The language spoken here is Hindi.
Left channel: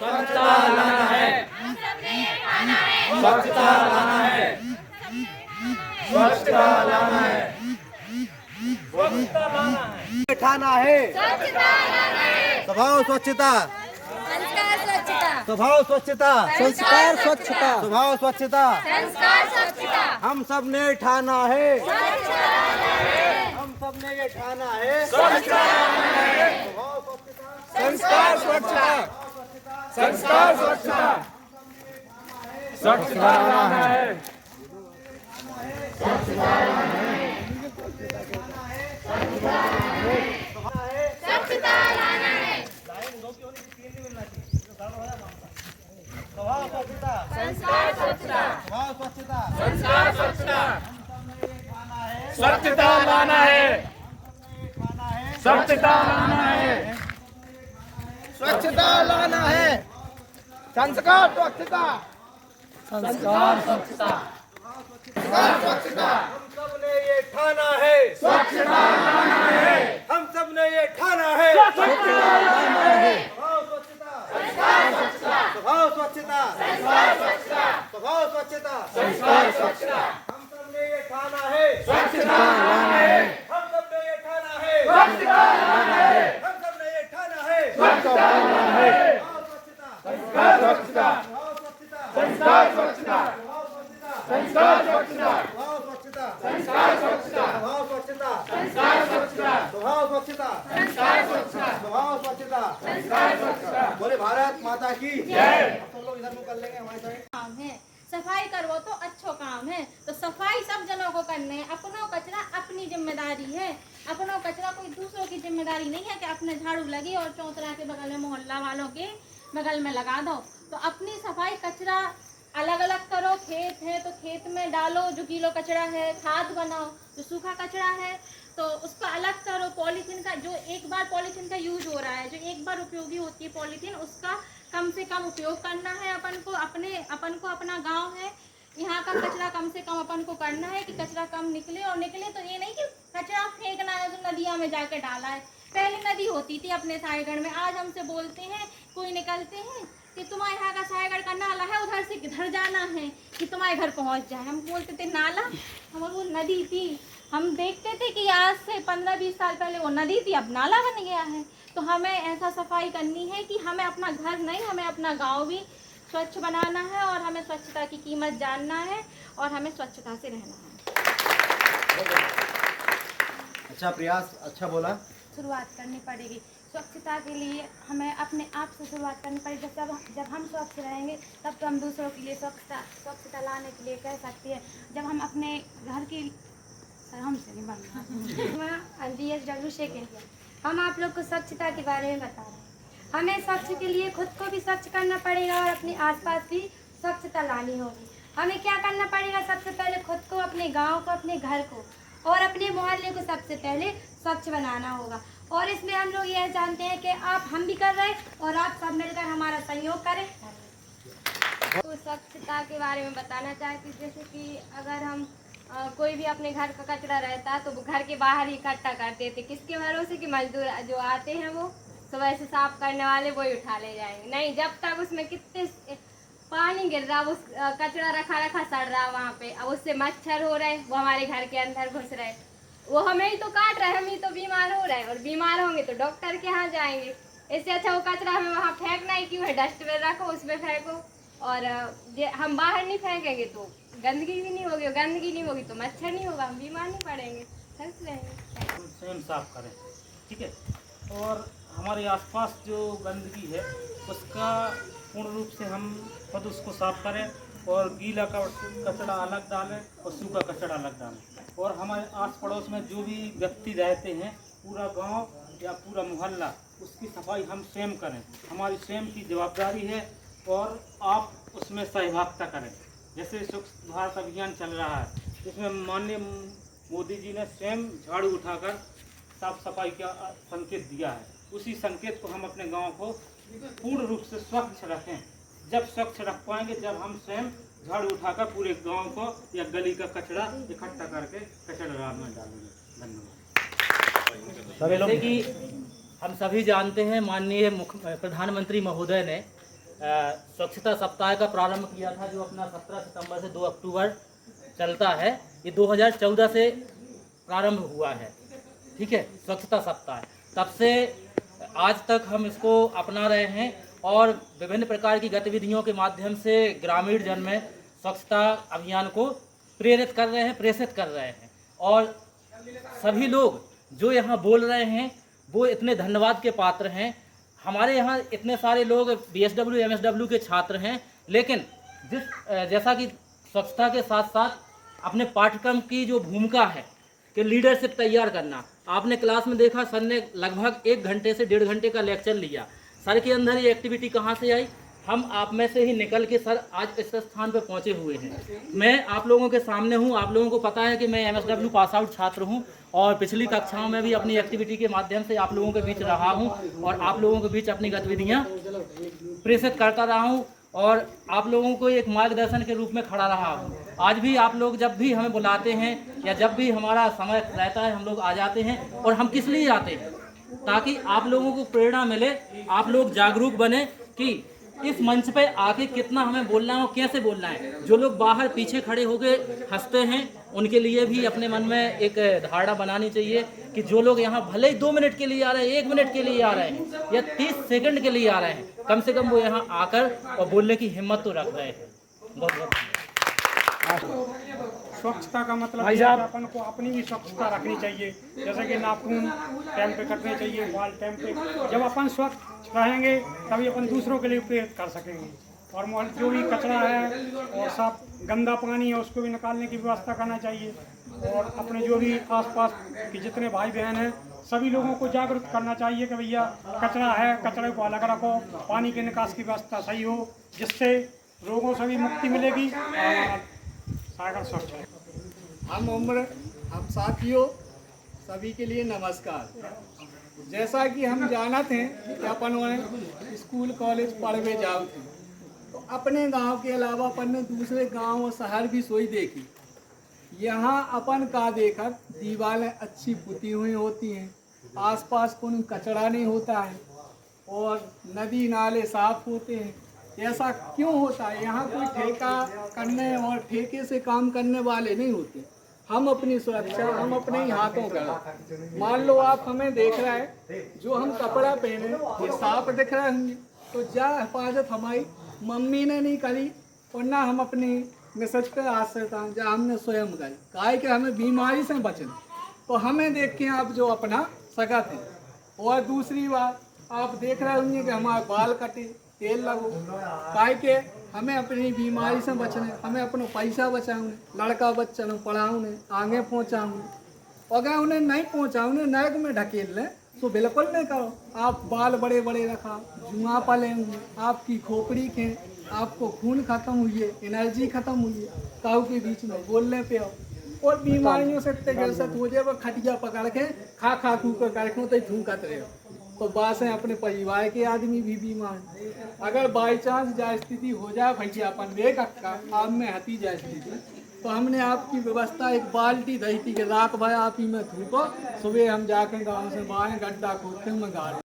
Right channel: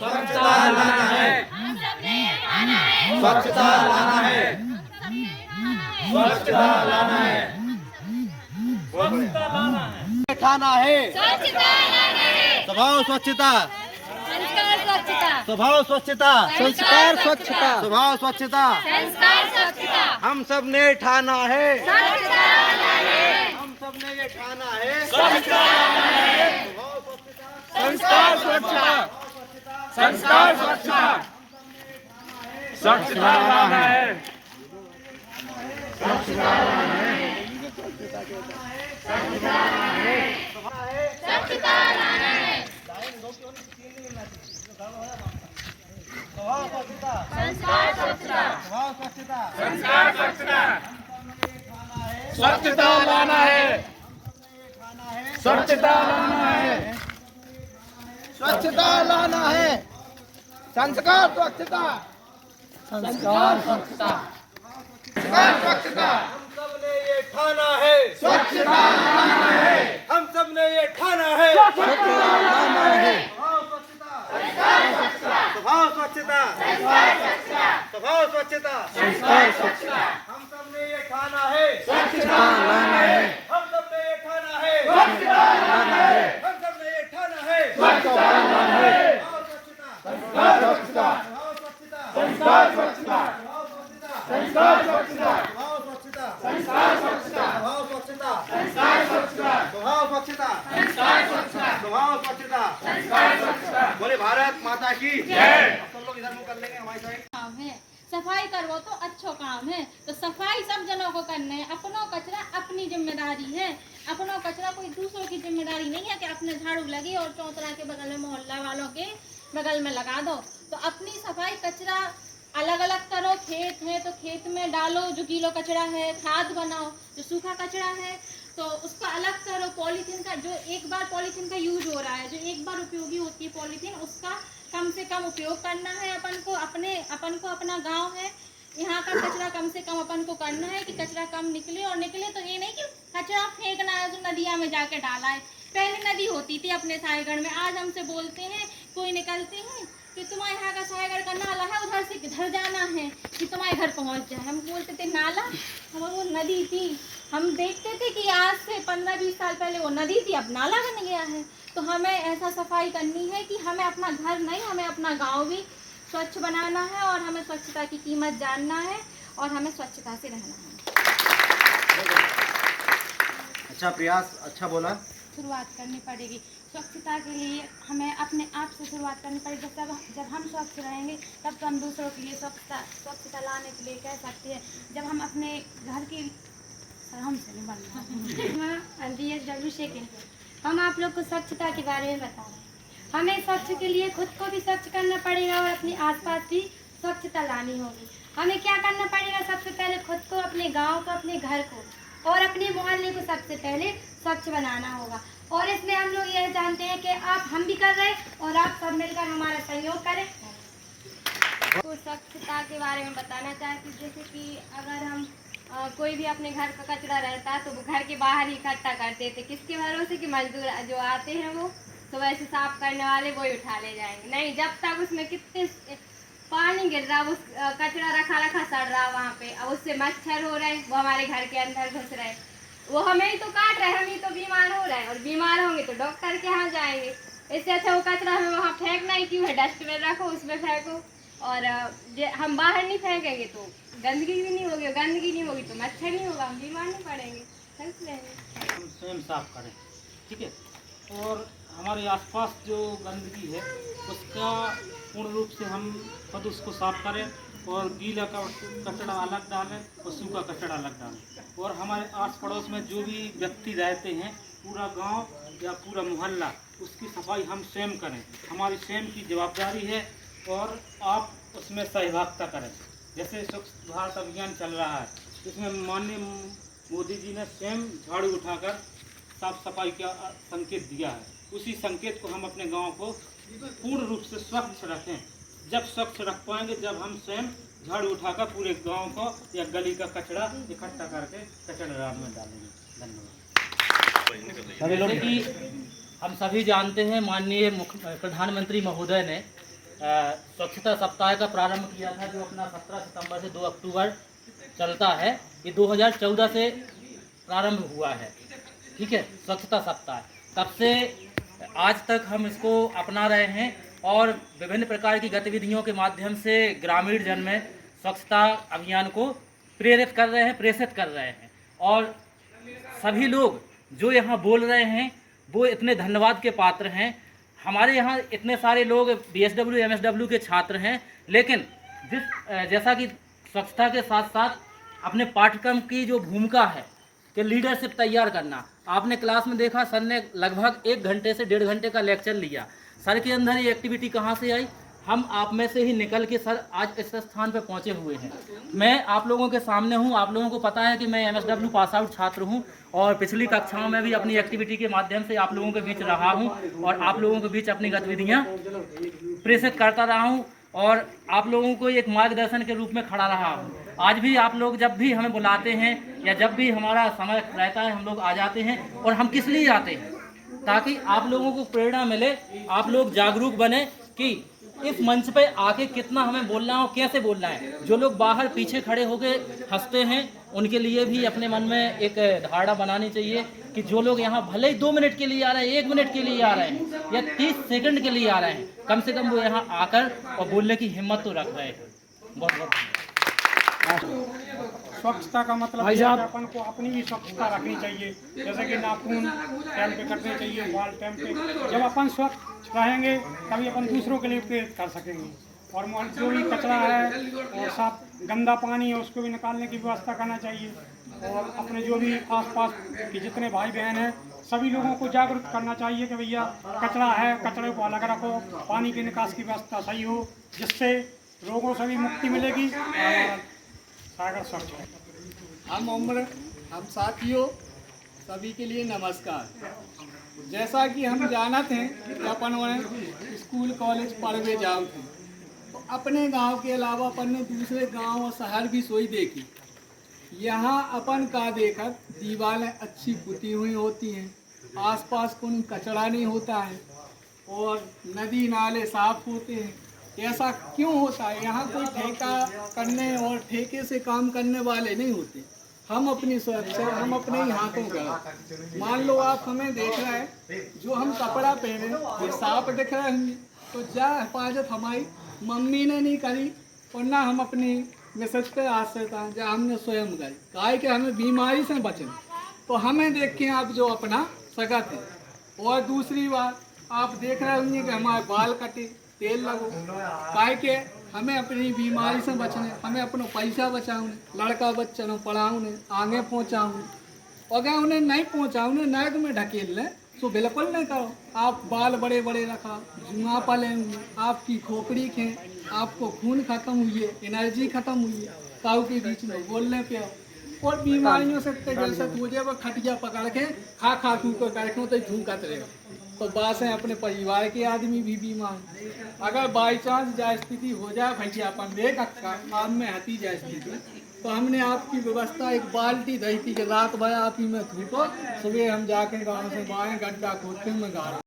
स्वच्छता लाना है, स्वच्छता लाना है, स्वच्छता लाना है, स्वच्छता लाना है, ठाना है, स्वच्छता लाना है, स्वभाव स्वच्छता, संस्कार स्वच्छता, स्वभाव स्वच्छता, संस्कार स्वच्छता, स्वभाव स्वच्छता, संस्कार स्वच्छता, हम सब ने ठाना है, स्वच्छता लाना है, हम सब ने ये ठाना है, स्वच्छता लाना है, स्वभाव स्वच्छता, संस्कार स्वच्छता, संस्कार स्वच्छता, स्वच्छता लाना है, स्वच्छता लाना है, स्वभाव स्वच्छता, संस्कार स्वच्छता, स्वभाव स्वच्छता, संस्कार स्वच्छता, स्वच्छता लाना है, स्वच्छता लाना है, स्वच्छता लाना है, संस्कार स्वच्छता, संस्कार स्वच्छता, संस्कार स्वच्छता, हम सब ने ये ठाना है, स्वच्छता लाना है, हम सब ने ये ठाना है, स्वच्छता लाना है, स्वभाव स्वच्छता, स्वभाव स्वच्छता, संस्कार स्वच्छता, हम सब ने ये ठाना है, स्वच्छता लाना है, हम सब ने ये ठाना है, स्वच्छता लाना है, हम सब ने ये ठाना है, स्वच्छता लाना है, स्वभाव स्वच्छता, संस्कार स्वच्छता, संस्कार स्वच्छता, स्वभाव स्वच्छता, संस्कार स्वच्छता, स्वभाव स्वच्छता, संस्कार स्वच्छता, स्वभाव स्वच्छता, संस्कार स्वच्छता, स्वभाव स्वच्छता, संस्कार स्वच्छता, बोले भारत माता की जय। सब लोग इधर मुंह कर लेंगे हमारी साइड। काम है, सफाई करवो तो अच्छो काम है। तो सफाई सब जनों को करने है, अपनों कचरा अपनी जिम्मेदारी है, अपनों कचरा कोई दूसरों की जिम्मेदारी नहीं है कि अपने झाड़ू लगी और चौतरा के बगल में मोहल्ला वालों के बगल में लगा दो। तो अपनी सफाई कचरा अलग अलग करो, खेत है तो खेत में डालो, जो गीलो कचरा है खाद बनाओ, जो सूखा कचरा है तो उसको अलग करो। पॉलीथीन का जो एक बार पॉलीथीन का यूज हो रहा है, जो एक बार उपयोगी होती है पॉलीथीन, उसका कम से कम उपयोग करना है। अपन को अपना गांव है, यहाँ का कचरा कम से कम अपन को करना है कि कचरा कम निकले। और निकले तो ये नहीं कि कचरा फेंकना है जो नदिया में जाके डाला है। पहले नदी होती थी अपने साहेगढ़ में, आज हमसे बोलते हैं कोई निकलते हैं कि तुम्हारे यहाँ का साहेगढ़ का नाला है, उधर से किधर जाना है कि तुम्हारे घर पहुँच जाए। हम बोलते थे नाला, हम वो नदी थी। हम देखते थे कि आज से 15-20 साल पहले वो नदी थी, अब नाला बन गया है। तो हमें ऐसा सफाई करनी है कि हमें अपना घर नहीं, हमें अपना गांव भी स्वच्छ बनाना है और हमें स्वच्छता की कीमत जानना है और हमें स्वच्छता से रहना है। अच्छा प्रयास, अच्छा बोला। शुरुआत करनी पड़ेगी स्वच्छता के लिए, हमें अपने आप से शुरुआत करनी पड़ेगी। जब हम स्वच्छ रहेंगे तब तो हम दूसरों के लिए स्वच्छता लाने के लिए कह सकते हैं। जब हम अपने घर की हमसे नहीं बनना DSW सेकेंड, हम आप लोग को स्वच्छता के बारे में बता रहे हैं। हमें स्वच्छ के लिए खुद को भी स्वच्छ करना पड़ेगा और अपने आसपास भी स्वच्छता लानी होगी। हमें क्या करना पड़ेगा? सबसे पहले खुद को, अपने गांव को, अपने घर को और अपने मोहल्ले को सबसे पहले स्वच्छ बनाना होगा। और इसमें हम लोग यह जानते हैं कि हम भी कर रहे हैं और आप सब मिलकर हमारा सहयोग करें। तो स्वच्छता के बारे में बताना चाहती, जैसे कि अगर हम कोई भी अपने घर का कचरा रहता है तो वो घर के बाहर ही इकट्ठा करते थे। किसके भरोसे? कि मजदूर जो आते हैं वो सुबह से साफ करने वाले वही उठा ले जाएंगे। नहीं, जब तक उसमें कितने पानी गिर रहा, उस कचरा रखा सड़ रहा वहाँ पे, अब उससे मच्छर हो रहे, वो हमारे घर के अंदर घुस रहे, वो हमें ही तो काट रहे, हम ही तो बीमार हो रहे हैं और बीमार होंगे तो डॉक्टर के यहाँ जाएंगे। इससे अच्छा वो कचरा हमें वहाँ फेंकना ही क्यों है? डस्टबिन रखो, उसमें फेंको। और हम बाहर नहीं फेंकेंगे तो गंदगी भी नहीं होगी, गंदगी नहीं होगी तो मच्छर नहीं होगा, हम बीमार नहीं पड़ेंगे, हेल्थ रहेंगे। हम स्वयं साफ करें, ठीक है। और हमारे आसपास जो गंदगी है उसका पूर्ण रूप से हम खुद उसको साफ करें और गीला कचरा अलग डालें और सूखा कचरा अलग डालें। और हमारे आस पड़ोस में जो भी व्यक्ति रहते हैं, पूरा गांव या पूरा मोहल्ला, उसकी सफाई हम स्वयं करें, हमारी स्वयं की जवाबदारी है। और आप उसमें सहभागिता करें। जैसे स्वच्छ भारत अभियान चल रहा है, इसमें माननीय मोदी जी ने स्वयं झाड़ू उठाकर साफ सफाई का संकेत दिया है। उसी संकेत को हम अपने गांव को पूर्ण रूप से स्वच्छ रखें। जब स्वच्छ रख पाएंगे जब हम स्वयं झाड़ू उठाकर पूरे गांव को या गली का कचरा इकट्ठा करके कचरा में डालेंगे। धन्यवाद। जैसे कि हम सभी जानते हैं, माननीय प्रधानमंत्री महोदय ने स्वच्छता सप्ताह का प्रारंभ किया था, जो अपना 17 सितंबर से 2 अक्टूबर चलता है। ये 2014 से प्रारंभ हुआ है, ठीक है, स्वच्छता सप्ताह। तब से आज तक हम इसको अपना रहे हैं और विभिन्न प्रकार की गतिविधियों के माध्यम से ग्रामीण जन में स्वच्छता अभियान को प्रेरित कर रहे हैं, प्रेषित कर रहे हैं। और सभी लोग जो यहाँ बोल रहे हैं वो इतने धन्यवाद के पात्र हैं। हमारे यहाँ इतने सारे लोग BSW MSW के छात्र हैं, लेकिन जैसा कि स्वच्छता के साथ साथ अपने पाठ्यक्रम की जो भूमिका है कि लीडरशिप तैयार करना, आपने क्लास में देखा सर ने लगभग 1 घंटे से 1.5 घंटे का लेक्चर लिया। सर के अंदर ये एक्टिविटी कहाँ से आई? हम आप में से ही निकल के सर आज इस स्थान पर पहुँचे हुए हैं। मैं आप लोगों के सामने हूँ, आप लोगों को पता है कि मैं MSW पास आउट छात्र हूँ और पिछली कक्षाओं में भी अपनी एक्टिविटी के माध्यम से आप लोगों के बीच रहा हूँ और आप लोगों के बीच अपनी गतिविधियाँ प्रेषित करता रहा हूँ और आप लोगों को एक मार्गदर्शन के रूप में खड़ा रहा हूँ। आज भी आप लोग जब भी हमें बुलाते हैं या जब भी हमारा समय रहता है हम लोग आ जाते हैं। और हम किस लिए आते हैं? ताकि आप लोगों को प्रेरणा मिले, आप लोग जागरूक बने कि इस मंच पे आके कितना हमें बोलना है और कैसे बोलना है। जो लोग बाहर पीछे खड़े होके हंसते हैं उनके लिए भी अपने मन में एक धारणा बनानी चाहिए कि जो लोग यहाँ भले ही 2 मिनट के लिए आ रहे हैं, 1 मिनट के लिए आ रहे हैं या 30 सेकंड के लिए आ रहे हैं, कम से कम वो यहाँ आकर और बोलने की हिम्मत तो रख रहे हैं। बहुत बहुत स्वच्छता का मतलब है कि अपन को अपनी भी स्वच्छता रखनी चाहिए। जैसे कि नाखून टाइम पे करने चाहिए, बाल टाइम पे। जब अपन स्वच्छ रहेंगे तभी अपन दूसरों के लिए प्रेरित कर सकेंगे। और जो भी कचरा है और साफ गंदा पानी है उसको भी निकालने की व्यवस्था करना चाहिए। और अपने जो भी आसपास के जितने भाई बहन हैं सभी लोगों को जागरूक करना चाहिए कि भैया कचरा है, कचरे को अलग रखो, पानी के निकास की व्यवस्था सही हो, जिससे रोगों से भी मुक्ति मिलेगी। सागर स्वच्छ है। हम साथियों सभी के लिए नमस्कार। जैसा कि हम जानते हैं कि अपन स्कूल कॉलेज पढ़ने जाओ थे, तो अपने गांव के अलावा अपन ने दूसरे गांव और शहर भी सोई देखी। यहाँ अपन का देखा दीवारें अच्छी पुती हुई होती हैं, आसपास कोई कचरा नहीं होता है और नदी नाले साफ होते हैं। ऐसा क्यों होता है? यहाँ कोई ठेका करने और ठेके से काम करने वाले नहीं होते। हम अपनी सुरक्षा हम अपने ही हाथों का। मान लो आप हमें देख रहे हैं, जो हम कपड़ा पहने ये साफ दिख रहे होंगे, तो जा हिफाजत हमारी मम्मी ने नहीं करी और ना हम अपनी मिसेज पे आश्रित हैं, जहाँ हमने स्वयं गाई काहे कि हमें बीमारी से बचना। तो हमें देख के आप जो अपना सगा थे। और दूसरी बात आप देख रहे होंगे कि हमारे बाल कटे, तेल लगो, काहे के हमें अपनी बीमारी से बचने, हमें अपना पैसा बचाऊँ, लड़का बच्चा पढ़ाऊँ, आगे पहुँचाऊँ। अगर उन्हें नहीं पहुँचाऊँ, नर्क में ढकेल लें तो बिल्कुल नहीं करो। आप बाल बड़े बड़े रखा, जुआ पलेंगे, आपकी खोपड़ी खें, आपको खून खत्म हुई है, एनर्जी खत्म हुई है, काऊ के बीच में बोलने पे आओ और बीमारियों से जलसत हो जाए। वो खटिया पकड़ के खा खा खू कर करके तो झूकत रहे। तो बात है अपने परिवार के आदमी भी बीमार। अगर बाई चांस जा स्थिति हो जाए भैया अपन देख आप में हती जाए स्थिति, तो हमने आपकी व्यवस्था एक बाल्टी दही थी कि रात भर आप ही में थूको, सुबह हम जाके गाँव से बाएँ गड्ढा खोद के मंगा